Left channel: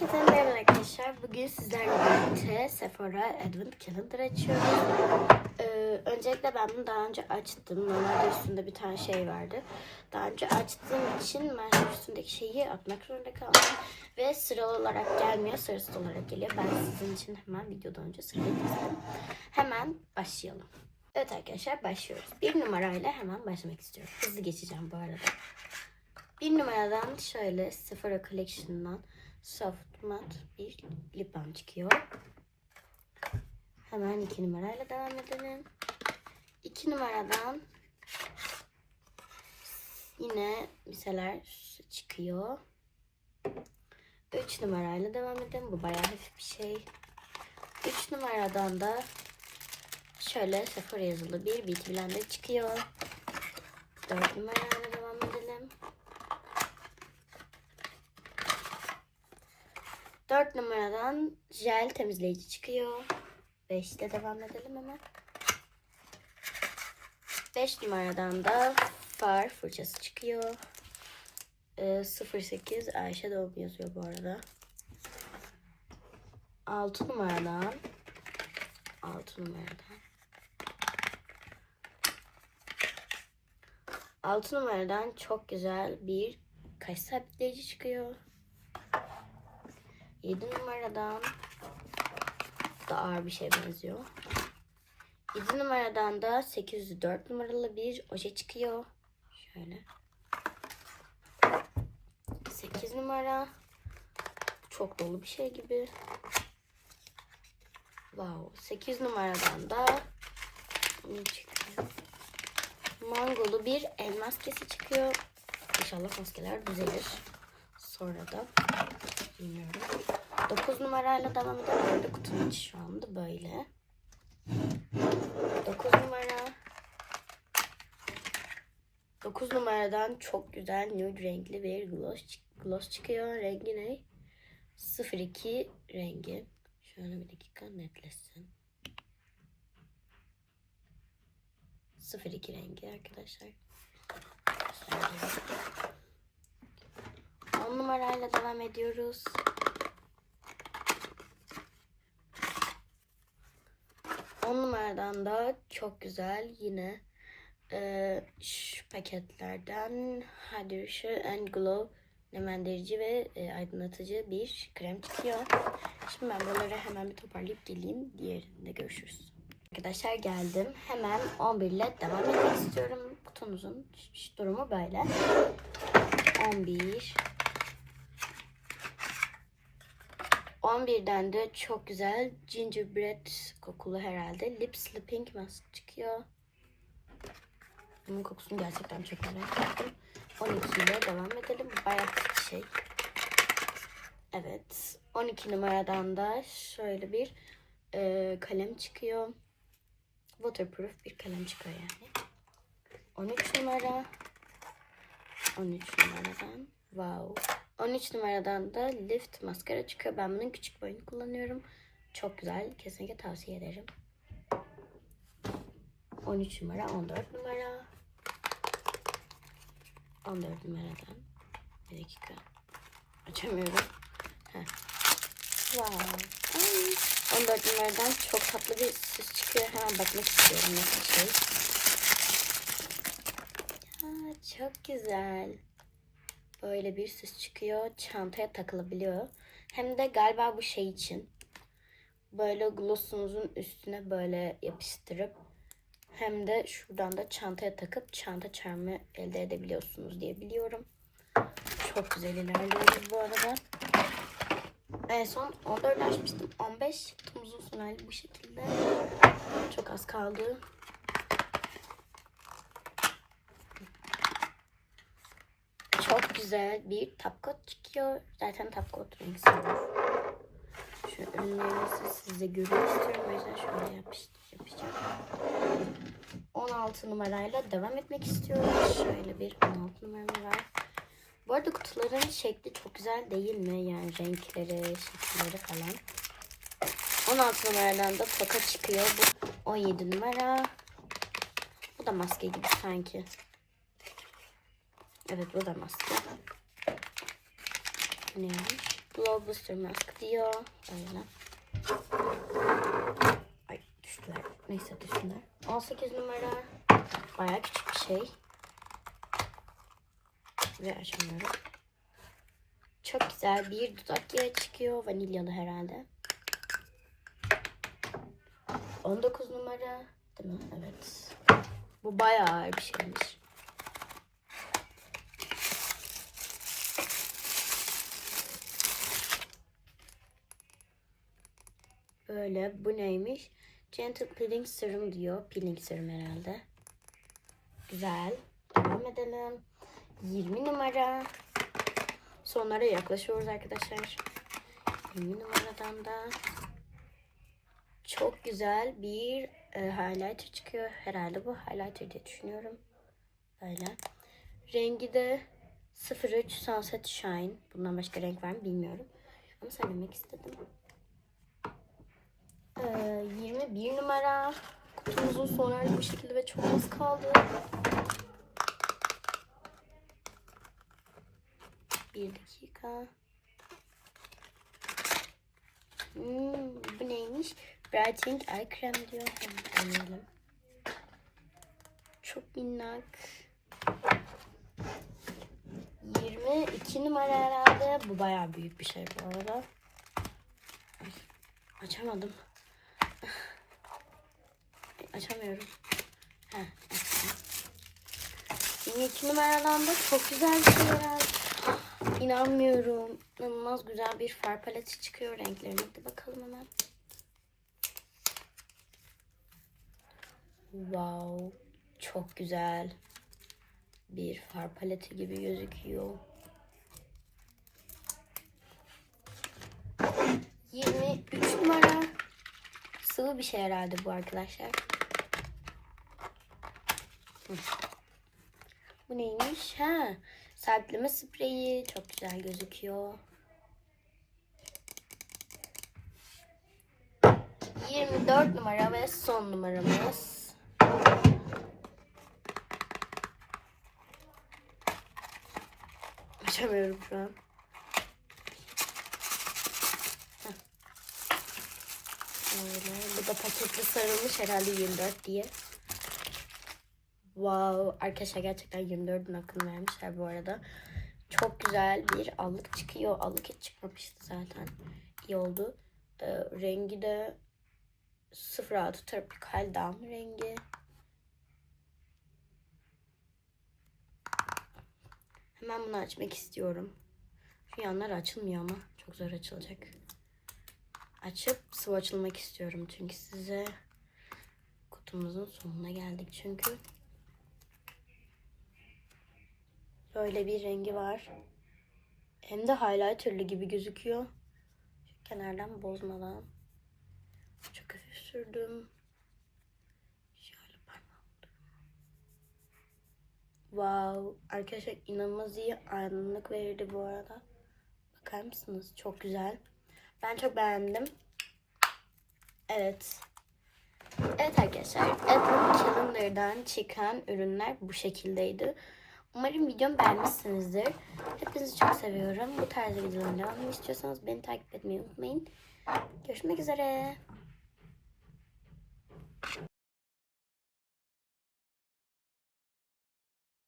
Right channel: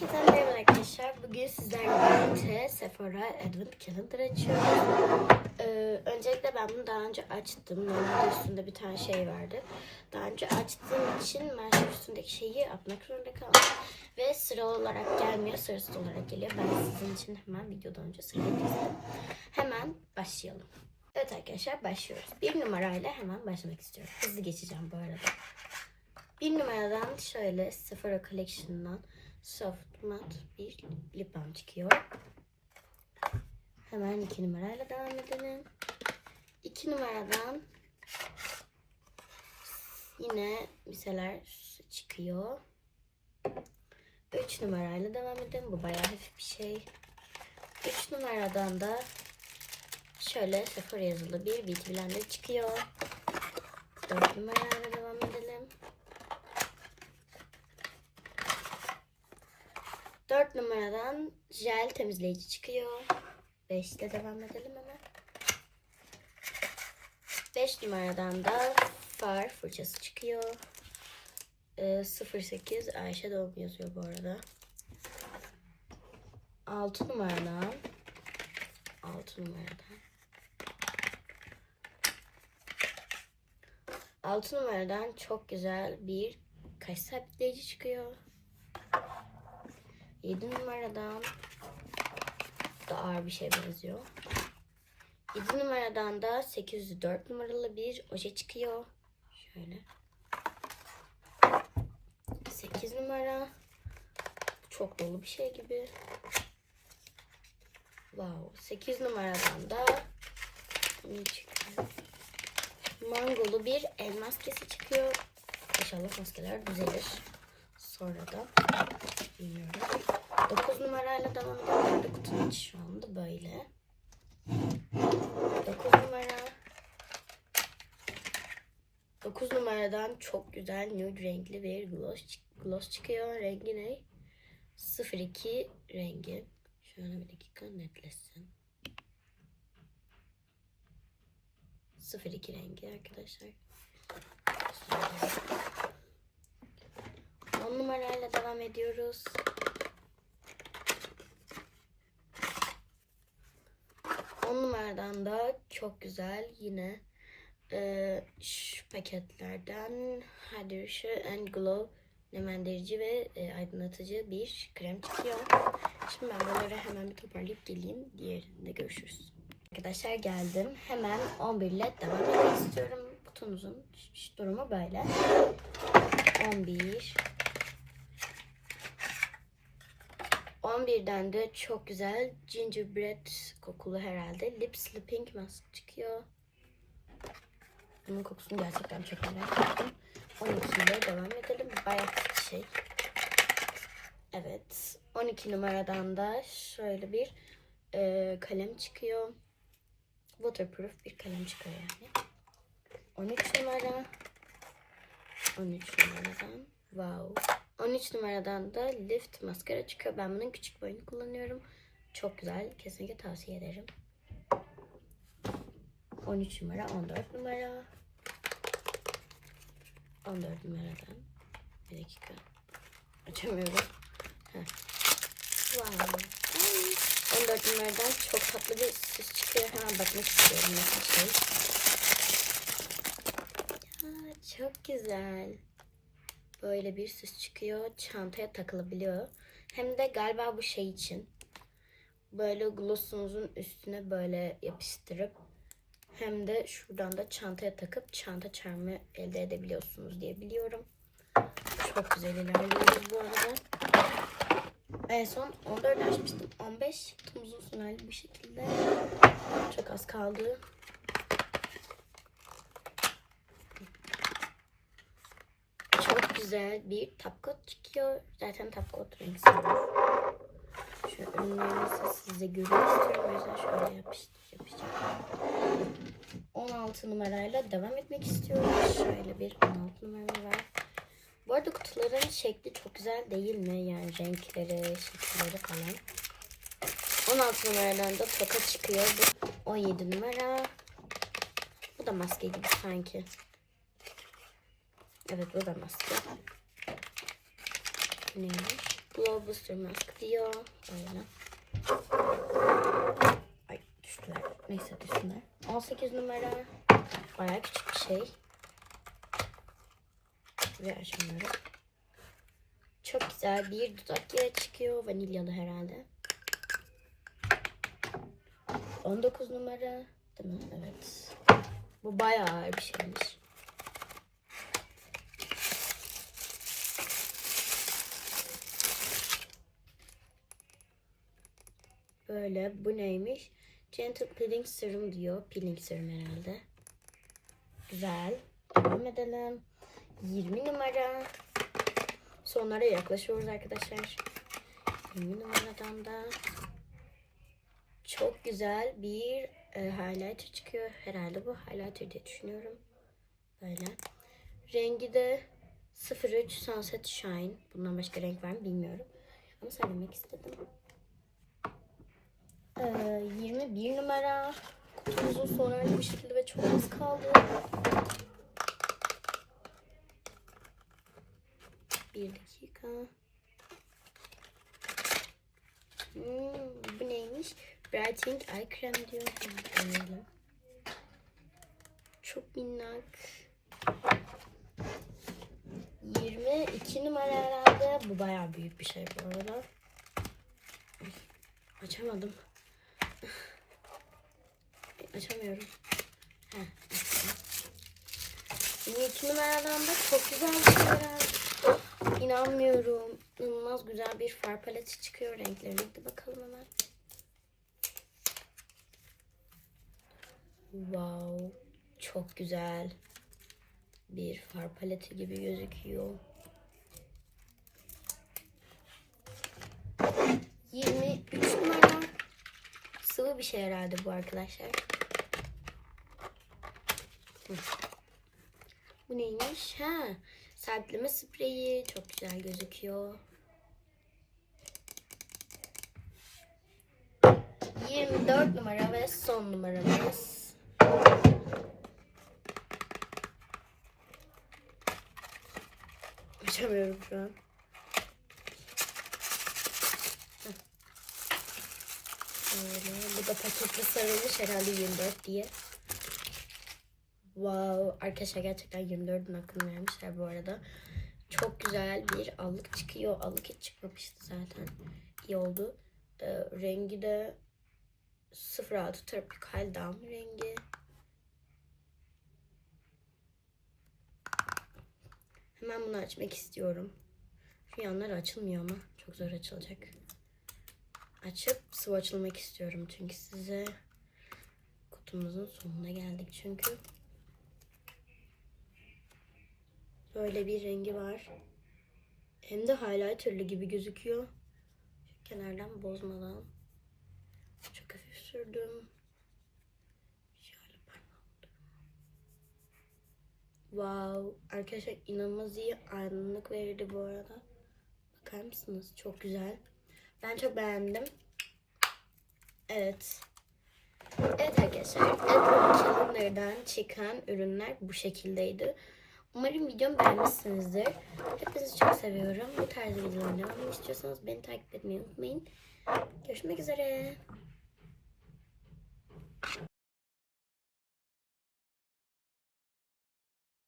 Herkese merhaba arkadaşlar. Bugün sizlerle birlikte Sephora Advent Calendar açıyoruz. Ee, öncelikle ben bunu daha önce açtım. Normalde üstünde bir tane şey vardı. Daha önce açtığım için maalesef üstündeki şeyi atmak zorunda kaldım. Ve sıra olarak gelmiyor, sırasız olarak geliyor. Ben sizin için hemen videodan önce sıralayayım. Hemen başlayalım. Evet arkadaşlar başlıyoruz. Bir numarayla hemen başlamak istiyorum. Hızlı geçeceğim bu arada. Bir numaradan şöyle Sephora Collection'dan soft matte bir lip balm çıkıyor. Hemen iki numarayla devam edelim. İki numaradan yine miseler çıkıyor. Üç numarayla devam edelim. Bu bayağı hafif bir şey. Üç numaradan da şöyle Sephora yazılı bir blender çıkıyor. Dört numarayla devam edelim. 4 numaradan jel temizleyici çıkıyor. 5'te devam edelim hemen. 5 numaradan da far fırçası çıkıyor. Ee, 08 Ayşe Doğum yazıyor bu arada. 6 numaradan 6 numaradan 6 numaradan çok güzel bir kaş sabitleyici çıkıyor. 7 numaradan da ağır bir şey benziyor. 7 numaradan da 804 numaralı bir oje çıkıyor. Şöyle. 8 numara. Çok dolu bir şey gibi. Wow. 8 numaradan da? Mangolu bir el maskesi çıkıyor. İnşallah maskeler düzelir. Sonra da bilmiyorum. 9 numarayla devam edelim. Burada kutunun içi şu anda böyle. 9 numara. 9 numaradan çok güzel nude renkli bir gloss, gloss çıkıyor. Rengi ne? 02 rengi. Şöyle bir dakika netleşsin. 02 rengi arkadaşlar. Şöyle. 10 numarayla devam ediyoruz. 10 numaradan da çok güzel yine e, şu paketlerden Hydration and Glow nemlendirici ve e, aydınlatıcı bir krem çıkıyor. Şimdi ben bunları hemen bir toparlayıp geleyim. Diğerinde görüşürüz. Arkadaşlar geldim. Hemen 11 ile devam etmek istiyorum. Kutumuzun durumu böyle. 11 11'den de çok güzel gingerbread kokulu herhalde lip sleeping mask çıkıyor. Bunun kokusunu gerçekten çok merak ettim. 12 ile devam edelim. Bayağı şey. Evet. 12 numaradan da şöyle bir e, kalem çıkıyor. Waterproof bir kalem çıkıyor yani. 13 numara. 13 numaradan. Wow. 13 numaradan da Lift maskara çıkıyor. Ben bunun küçük boyunu kullanıyorum. Çok güzel. Kesinlikle tavsiye ederim. 13 numara, 14 numara. 14 numaradan. Bir dakika. Açamıyorum. Heh. Wow. Ay, 14 numaradan çok tatlı bir süs çıkıyor. Hemen bakmak istiyorum nasıl şey. Ya, çok güzel böyle bir süs çıkıyor. Çantaya takılabiliyor. Hem de galiba bu şey için. Böyle glossunuzun üstüne böyle yapıştırıp hem de şuradan da çantaya takıp çanta çarmı elde edebiliyorsunuz diye biliyorum. Çok güzel ilerliyoruz bu arada. En son 14 açmıştım. 15 kutumuzun son hali bu şekilde. Çok az kaldı. Çok güzel bir top coat çıkıyor. Zaten top coat renk. Şu önlerinizi size görüyor istiyorum. O yüzden şöyle yapacağım. 16 numarayla devam etmek istiyorum. Şöyle bir 16 numara var. Bu arada kutuların şekli çok güzel değil mi? Yani renkleri, şekilleri falan. 16 numaradan da toka çıkıyor. Bu 17 numara. Bu da maske gibi sanki. Evet bu da maske. Bu neymiş? Blow Booster diyor. Böyle. Ay düştüler. Neyse düştüler. 18 numara. Bayağı küçük bir şey. Ve açamıyorum. Çok güzel bir dudak yağı çıkıyor. Vanilyalı herhalde. 19 numara. Değil? Evet. Bu bayağı bir şeymiş. Böyle bu neymiş? Gentle Peeling Serum diyor. Peeling serum herhalde. Güzel. Devam edelim. 20 numara. Sonlara yaklaşıyoruz arkadaşlar. 20 numaradan da çok güzel bir e, highlighter çıkıyor. Herhalde bu highlighter diye düşünüyorum. Böyle. Rengi de 03 Sunset Shine. Bundan başka renk var mı bilmiyorum. Ama söylemek istedim. Ee, 21 numara. Kutumuzun sonu bu şekilde ve çok az kaldı. Bir dakika. Hmm, bu neymiş? Brightening Eye Krem diyor. Hemen. Çok minnak. 22 numara herhalde. Bu bayağı büyük bir şey bu arada. Ay, açamadım. Açamıyorum. Heh, açtım. 22 numaradan da çok güzel bir şey var. İnanmıyorum. İnanılmaz güzel bir far paleti çıkıyor. Renklerine de bakalım hemen. Wow. Çok güzel. Bir far paleti gibi gözüküyor. 23 numara. Sıvı bir şey herhalde bu arkadaşlar. Bu neymiş? Ha, sertleme spreyi. Çok güzel gözüküyor. 24 numara ve son numaramız. Açamıyorum şu an. Böyle, bu da paketli sarılmış herhalde 24 diye. Wow, arkadaşlar gerçekten 24'ün hakkını vermişler bu arada. Çok güzel bir allık çıkıyor. Allık hiç çıkmamıştı zaten. İyi oldu. Ee, rengi de 06 Tropical Dam rengi. Hemen bunu açmak istiyorum. Şu yanlar açılmıyor ama çok zor açılacak. Açıp swatchlamak istiyorum çünkü size kutumuzun sonuna geldik çünkü. Böyle bir rengi var. Hem de highlighterlı gibi gözüküyor. Şu kenardan bozmadan. Çok hafif sürdüm. Şöyle Wow. Arkadaşlar inanılmaz iyi aydınlık verdi bu arada. Bakar mısınız? Çok güzel. Ben çok beğendim. Evet. Evet arkadaşlar. Edward Calendar'dan çıkan ürünler bu şekildeydi. Umarım videomu beğenmişsinizdir. Hepinizi çok seviyorum. Bu tarz videoların devamını istiyorsanız beni takip etmeyi unutmayın. Görüşmek üzere.